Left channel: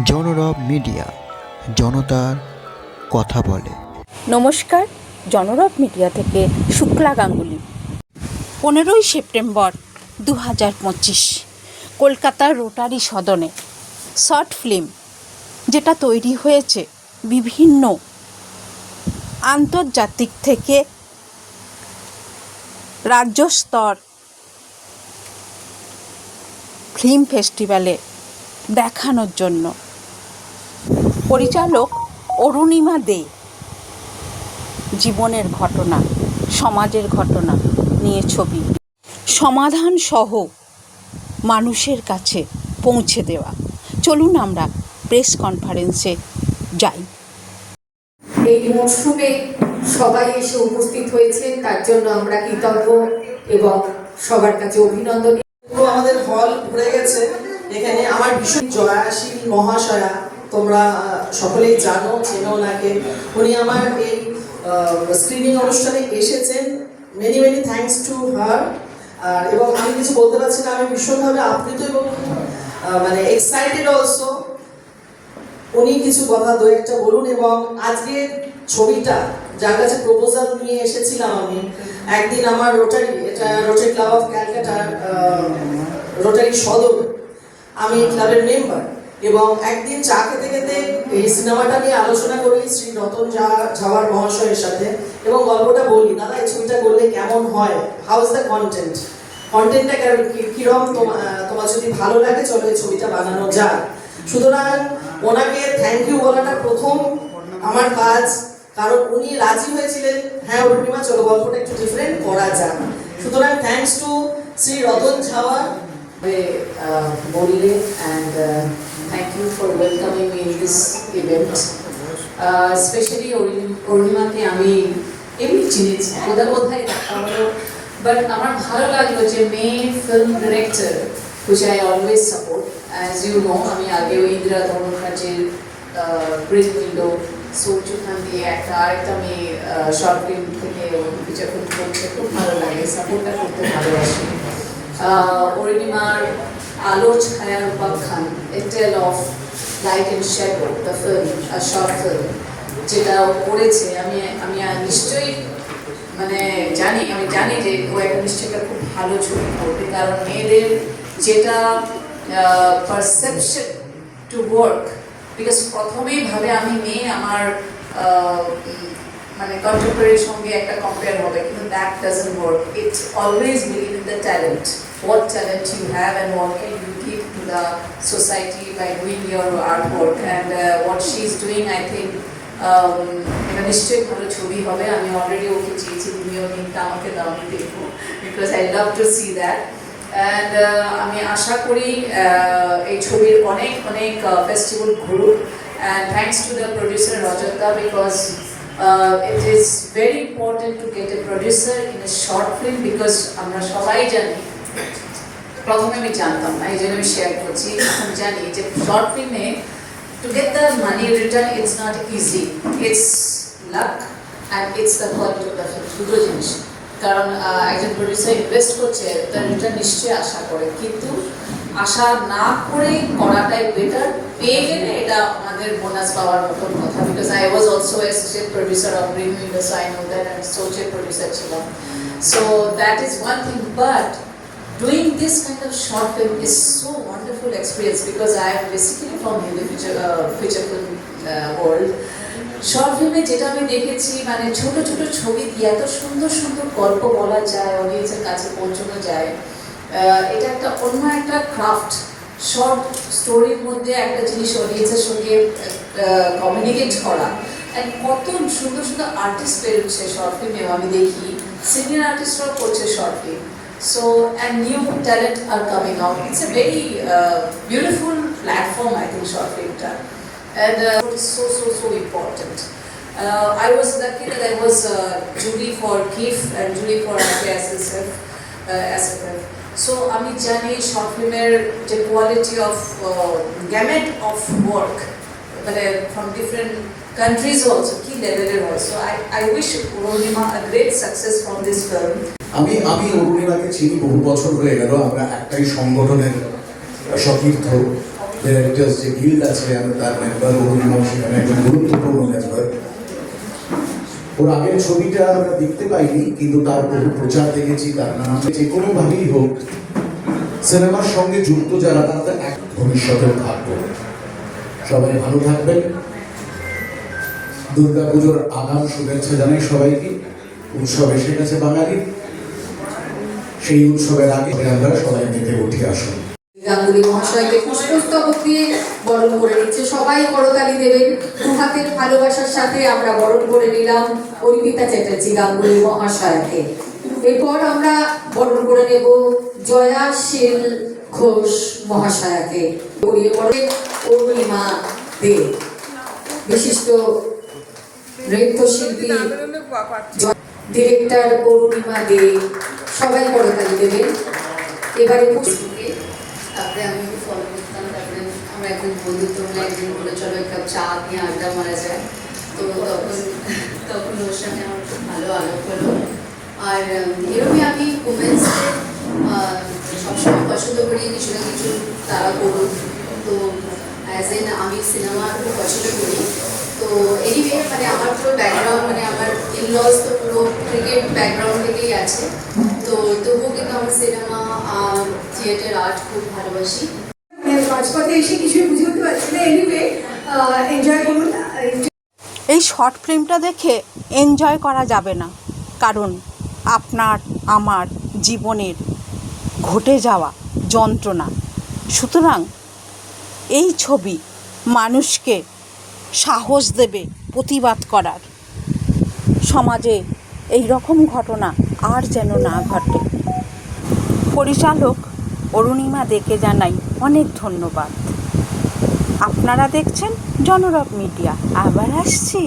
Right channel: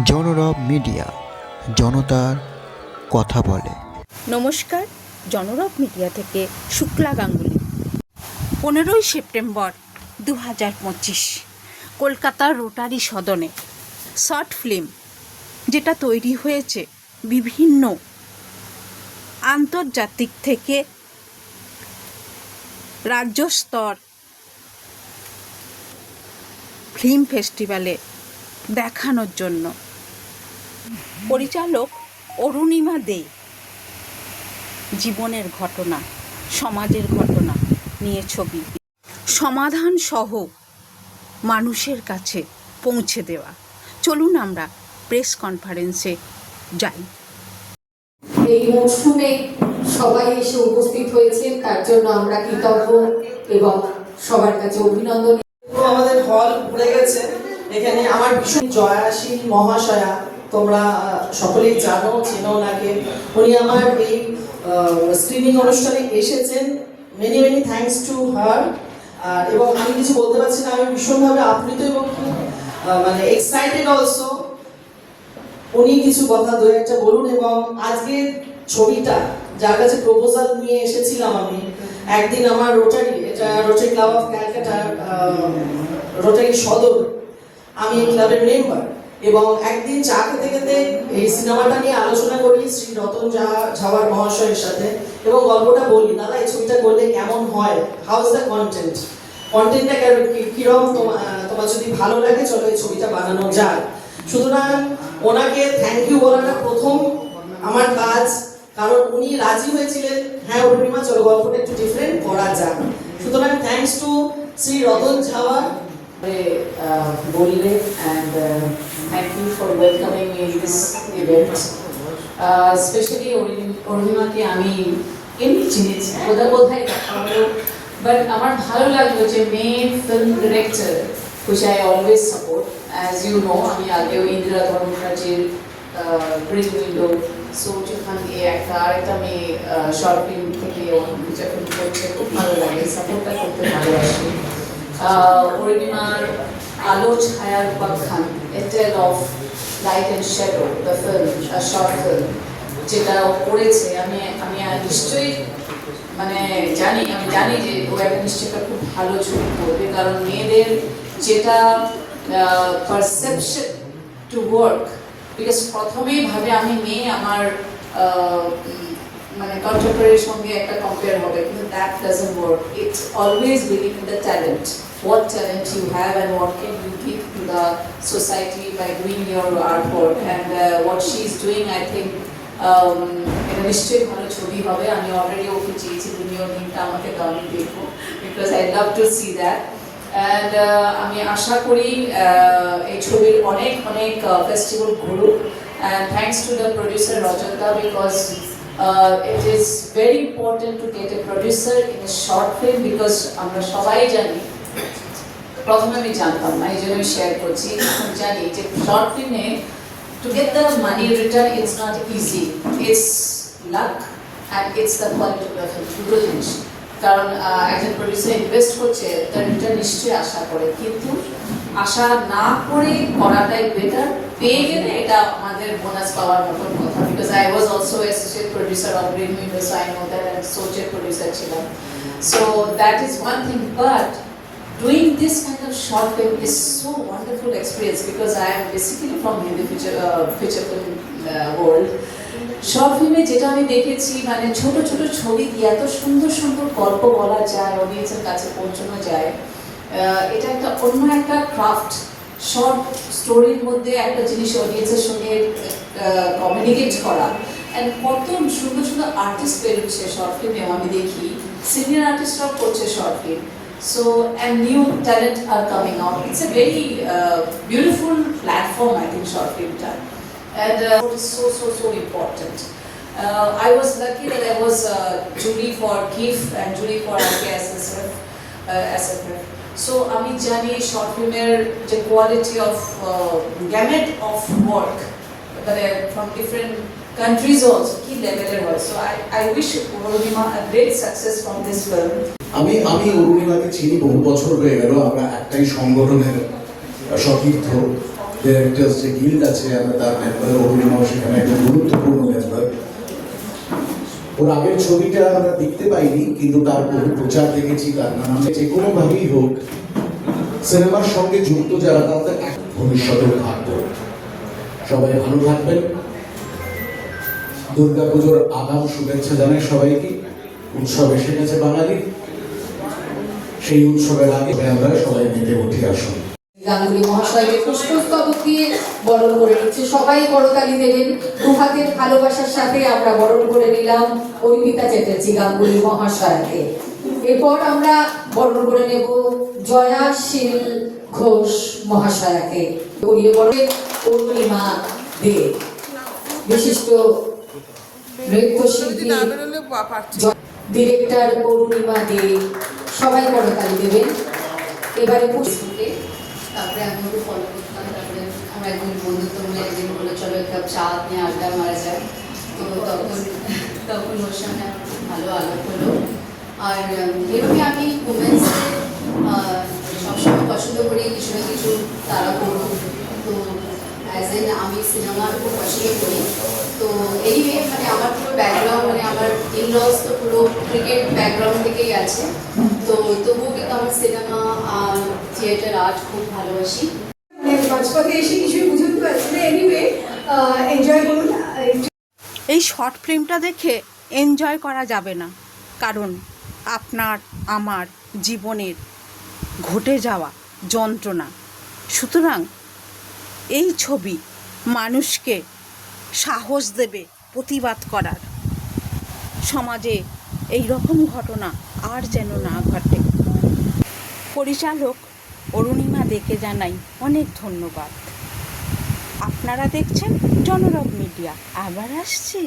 জনরব media, জনতার কথা বলে। নমস্কার, জনরব মিডিয়া থেকে শুক্লা গাঙ্গুলি। পনেরোই সেপ্টেম্বর দু হাজার পঁচিশ কলকাতার রোটারি সদনে শর্ট ফিল্ম যেটা তৈরি হয়েছে বিভিন্ন আন্তর্জাতিক থেকে রাজ্য স্তর ফিল্ম ফেস্টিভ্যালে দেখানোর জন্য। পরিচালক অরুণিমা দে। জীবনের ঘটনা সমাজের ঘটনা নিয়ে ছবি। সমাধান সহ মানুষের কাছে পৌঁছে দেওয়া। চলুন আমরা প্রেস কনফারেন্সে যাই। এই মরশুমে সবাই এসে উপস্থিত হয়েছে তার জন্য আমরা কৃতজ্ঞ এবং সবার কাছে অভিনন্দন। আমাদের হল ভরে গেছে। এখানে আমার ভীষণ জয়াশীল মহাশয়া তোমরা সকলেই জানো, চেনো ওনাকে উনি আমার এই স্ক্রিনিং অনুষ্ঠানে এসেছেন। Many many thanks to her এবং আমি কিছু বলতে পারছি না, আমি ভীষণভাবে আপ্লুত এবং মানে এক্সাইটেড অলসো উনি কিছু কথা দু একটা বলুন, এবং আজকে ছবিটা, যার কাছে প্রপোজাল নিয়ে এসেছিলাম আমি, একদিন আমার রোটারি এটা রোটারি ক্লাব অফ ক্যালকাটার রোটারি সদর। আমি ক্লাবের মেম্বার এবং একদিন চা খেতে খেতে এই সিনেমাটা নিয়ে আলোচনা করি শ্রী রতন ঝাওয়ার মহাশয়ের সাথে এবং গল্পটা বলি, দাদা, এই ছবিটা করলে কেমন হয়? হাউস দ্য কন্টেন্ট কন্টেন্টটা কীরকম তোমার যদি ভালো লাগে, চলো এই ছবিটা বানানো যাক। সুতরাং ওনাকে থ্যাংক ইউ বলাটা প্রথম আমার কাজ, কারণ উনি রাজি হয়েছিলেন। হ্যাঁ অরুণিমা, চলো গল্পটা একটু ডিফারেন্ট করা যাক। সুতরাং thanks to Shri Ratan Jhawar uh, Bolide and uh, thank you for welcoming me in this event. Uh, অরুণিমাকে আমি এমনি চিনেছি বোধহয় বোধহয় দেখা বাট আমার ভালো লাগল যে মেয়ে film director which I always support as you know আমি আগেও ইন্দিরা ধর্মরাজের গ্রিন উইন্ডো সৌচুখান দিয়ে একটা আরেকটা মেয়ে শর্ট ফিল্ম থেকে বিচার করছে খুব ভালো লাগে সাপোর্টটা করতে ভালোবাসি। অরুণিমার আলো ছায়ার উপাখ্যান a tale of light and shadow the film short film যেটা করেছে। আমি আমি নিশ্চয়ই মানে জানি, আমি জানি যে ও একটা নিশ্চয়ই একটা খুব ভালো ছবি করবে, কারণ মেয়েদের যেটা পারসেপশন টু ওয়ার্ক বিকজ প্রথমেই ভাবে আমি মেয়ে, আমার মানে কন্টেম্পোরারির সঙ্গে একটা কম্পেয়ার হবে, কিন্তু that doesn't work it's always believe in the talent what talent you have and what can you give to the society by doing your artwork and uh, what she is doing I think um, এটা নিশ্চয়ই ভালো ছবি হবে আমি already ওকে চেয়েছি তুমি ওর লিঙ্কটা আমাকে দাও আমি দেখবো because I love to see that and আমি আশা করি uh, এই ছবির অনেক অনেক festival ঘুরুক and thanks to the producer Rajata because uh, it is very important to get a producer in a short film because আমরা সবাই জানি প্রথমে আমি জানতাম না, এই জন্য আমি শেয়ার করছি। জানি যে শর্ট ফিল্মে to get the money return it's not easy it's luck and it's the quality of the film দুটো জিনিস। কারণ একজন প্রডিউসার ইনভেস্ট করছে, তার রিটার্ন নিশ্চয়ই আশা করে। কিন্তু আশা না করে করাটাই বেটার পেয়ে গেলে এটা আমাদের বোনাস পাওয়ার মতন কথা। Because I was also associate producer of Windows I know that and সোচের producer ছিলাম। So that is one thing but doing this kind of short film is so wonderful experience because I am basically from the feature, uh, feature film uh, world. Short ফিল্মে যেটা আমি দেখেছি মানে ছোট ছোট ছবি দিয়ে এত সুন্দর সুন্দর গল্প বলা যায় অডিয়েন্সের কাছে পৌঁছানো যায়। এটা একটা অন্য একটা ক্রাফট শর্ট স্টোরির মধ্যে একটা জিনিস অডিয়েন্সের সঙ্গে কমিউনিকেট করা। অ্যান্ড কত সুন্দর সুন্দর আর্টিস্ট বেরোচ্ছে শর্ট ফিল্মে আমি দেখি। সিনিয়র আর্টিস্টরাও করছে short film So, and new talent are coming out. It's a very uh, beautiful platform, I think, short film time. And uh, what is so, so, so important. Uh, I was lucky that I was uh, Julie for KIF and Julie for RKSSF. Uh, SFF. So, আমি জানি short ফিল্মের যে quality of gamut of work মানে from different also কি লেভেলের হয় so I I wish Rohima a great success from this film আমি আমি অরুণিমাকে চিনি বহু বছর হয়ে গেল। আমরা একটাই সংগঠনের সতীর্থ ডিরেক্টর্স যে গিল্ড আছে আমরা তার মেম্বার অভিনব সেখানে একজন গুরুত্বপূর্ণ মেম্বার ওর আগের ছবিটা আমরা দেখতে পাইনি, কিন্তু তার বহু প্রচার দেখেছি, তার নাম যে কোনোভাবেই হোক। সিনেমার সঙ্গে যুক্ত যারা তাদের এক ভবিষ্যতেও থাকব সবাই ভালো থাকবেন। দুর্গাপুজোর আগাম শুভেচ্ছা জানাই সবাইকে উৎসব এসে গেছে বাঙালির সেই উৎসবের আগে আমরা সবাই মেতে উঠে আসুন গাঙ্গুলি মহাশয়কে পুষ্পস্তবক দিয়ে বরণ করে নিচ্ছে সবাই করতালি দেবেন দু হাতের ভালোবাসার সাথে আমরা বরণ করে নিলাম অর্পিতা চ্যাটার্জি গাঙ্গুলি মহাশয়কে এরপর আমরা বরণ করে নেব জয়াশীল ঘোষ মহাশয়াকে করিয়ে বরণ অরুণিমা দে বিশিষ্ট ডিরেক্টর অরুণিমা দে, সবাই করতালি দেবেন। এবারে তারপরে আমি ওকে ফলো করতাম, তারপরে আমার একজন বন্ধুত্ব মনে একদিন বলে চলো একটা চা নিয়ে আড্ডা মারা যায় তো তখন তখন ওর সঙ্গে আমার খুব ভালো আলাপ হলো। আর এরকমই আমি উমেন্সকে সবসময় পছন্দ করি, কিছু না কিছু তারা করুক। তো অ্যাজ এন আমি সিনেমা খুব পছন্দ করি তো এনিওয়ে মানে আমার পুরো ব্যাকগ্রাউন্ড মানে আমার ইনলস তো পুরো ক্রিকেট ব্যাকগ্রাউন্ড থেকেই আছে। তো তবুও কিন্তু আমার সিনেমা থিয়েটার আর্ট খুব ভালোবাসি। মানে মাঝপথে এসে কিছুই বুঝে উঠতে পারছি না। এনিওয়ে এনজয় করুন। এই শর্ট ফিল্মটা দেখে এনজয় করা যাবে না। কারণ আপনার আমার জীবনের ঘটে যাওয়া যন্ত্রণা। সুতরাং এই ছবি মানুষকে সাহস দেবে প্রতিবাদ করার। সমাজে এই রকম ঘটনা আর যেন না ঘটে। পরিচালক অরুণিমা দেখে জানাই অনেক ধন্যবাদ। আপনারা দেখছেন জনরব মিডিয়া, আবার আসছি।